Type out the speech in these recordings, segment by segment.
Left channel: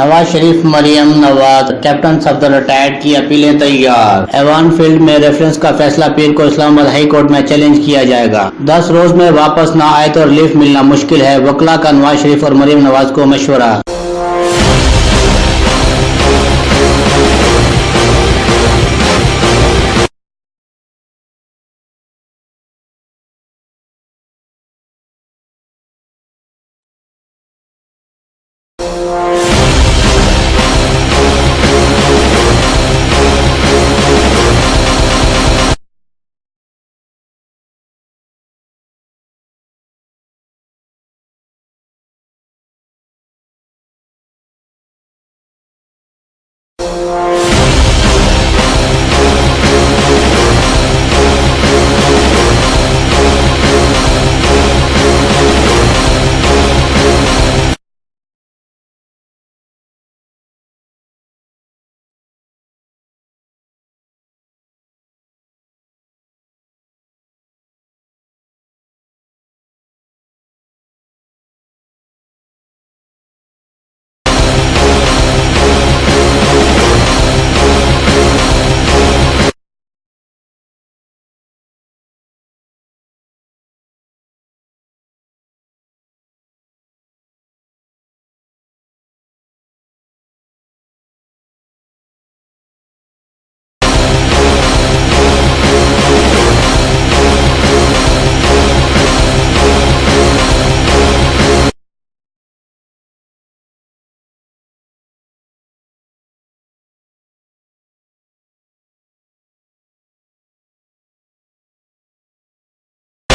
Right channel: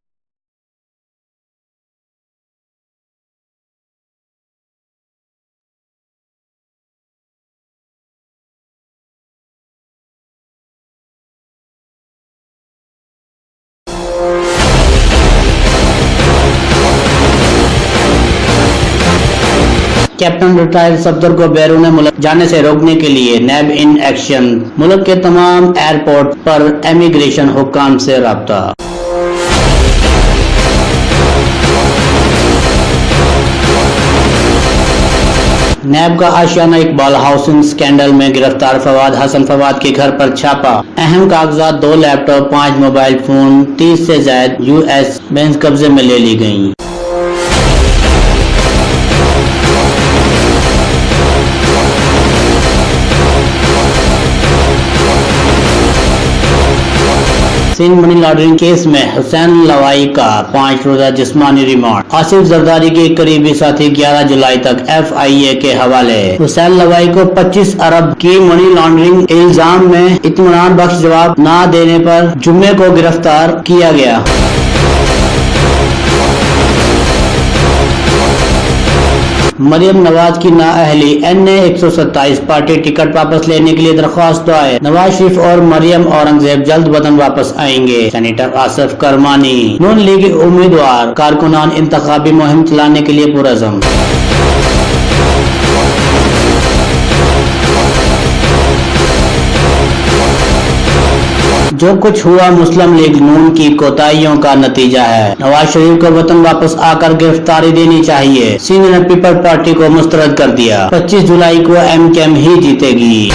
Nawaz Sharif, Maryam Nawaz, captain Safdar retired की अपीलें तैयार। ऐवान field में रेफरेंस का फैसला पीर को इस्लामाबाद हाई कोर्ट में चैलेंज किया जाएगा। 10 रोज में वापस न आए तो रिलीफ मिलना मुश्किल है, वकला का नवाज शरीफ और मरियम नवाज को मशवरा। कैप्टन रिटायर्ड सफदर को बैरून मुल्क जाने से रोकने के लिए नैब इन एक्शन। मुल्क के तमाम एयरपोर्ट पर इमिग्रेशन हुक्काम से राब्ता। नैब का आशियाना इकबाल हाउसिंग स्कैंडल में गिरफ्तार फवाद हसन फवाद के घर पर छापा। अहम कागजात 2 लैपटॉप, 5 मोबाइल फोन, 30 से ज्यादा US बैंक कब्जे में ले ली गयी। सिंध मनी लॉन्ड्रिंग केस में हुसैन लवाई का 5 रोजा जिस्मानी रिमांड। आसिफ जरदारी के करीबी साथी 11 जुलाई तक FIA के हवाले। हुसैन लवाई को 25 अरब की मनी लॉन्ड्रिंग इल्जाम में इत्मीनान बख्श जवाब न देने पर जुम्मे को गिरफ्तार किया गया। मरियम नवाज की नाअहली, NA 127 पार्टी टिकट वापस लेने के लिए दरख्वास्त दायर। नवाज शरीफ और मरियम औरंगजेब जल्द वतन वापस आएंगे। सेनेटर आसिफ करमानी। नून लीग उम्मीदवार कारकुनान इंतखाबी मुहिम चलाने के लिए पुरअज़म। जो कुछ हुआ मुस्लिम लीग नून की कोताहियों का नतीजा है। नवाज शरीफ को वतन वापस आकर गिरफ्तारी देनी चाहिए। सिंध ने पीपल पार्टी को मुस्तरद कर दिया। 25 जुलाई को MKM ही जीतेगी।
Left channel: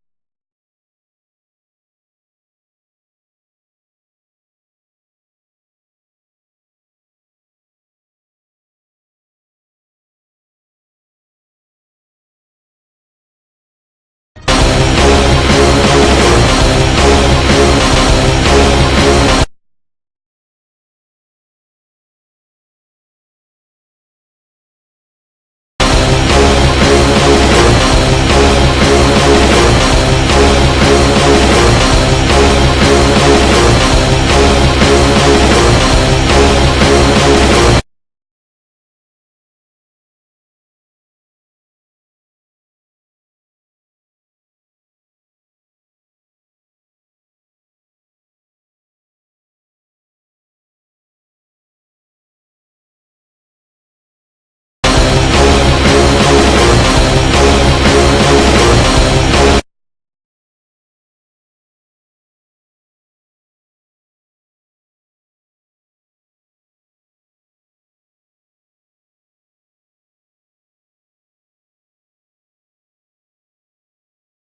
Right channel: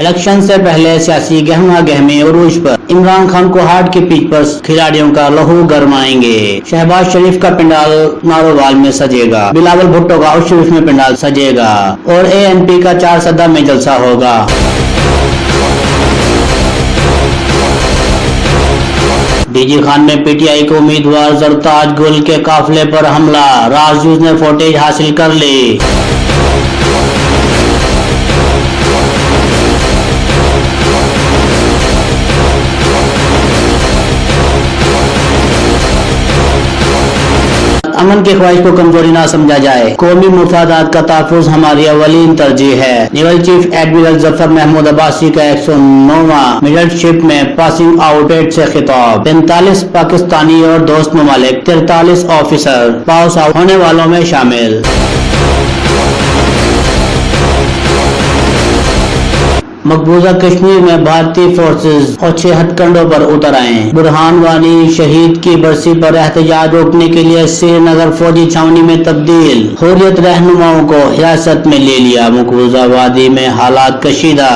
इलेक्शन से पहले सियासी गहमा गहमी उरूज पर। इमरान खान को हार्ट की पिच पर खिलाड़ियों का लहू गरमाएंगे। शहबाज शरीफ का पंडाल नारोवाल में सजेगा। बिलावल भुट्टो का उर्स शरीफ में पंडाल सजेगा और ANP का 4 सदा में जलसा होगा। DG खान में PTI को उम्मीदवार जरताज गुल के काफिले पर हमला। राजयूज ने फुटेज हासिल कर ली। अमन की ख्वाहिश को कमजोरी ना समझा जाए। कौमी मुफादात का तहफ़्फ़ुज़ हमारी अवलीन तरजीह है। Naval chief admiral Zafar Mahmood Abbasi का 109वां मिडलशिप में पासिंग आउट परेड से खिताब। 45 पाकिस्तानी और दोस्त ममालिक 43 ऑफिसर पास आउट होने वालों में शामिल। मकबूजा कश्मीर में भारतीय फोर्सेज और 6 हथकंडों पर उतर आए। बुरहान वानी शहीद की बरसी पर एहतजाज रोकने के लिए श्रीनगर फौजी छावनी में तब्दील। हुर्रियत रहनुमाओं को हिरासत में ले लिया। मकबूजा वादी में हालात कशीदा।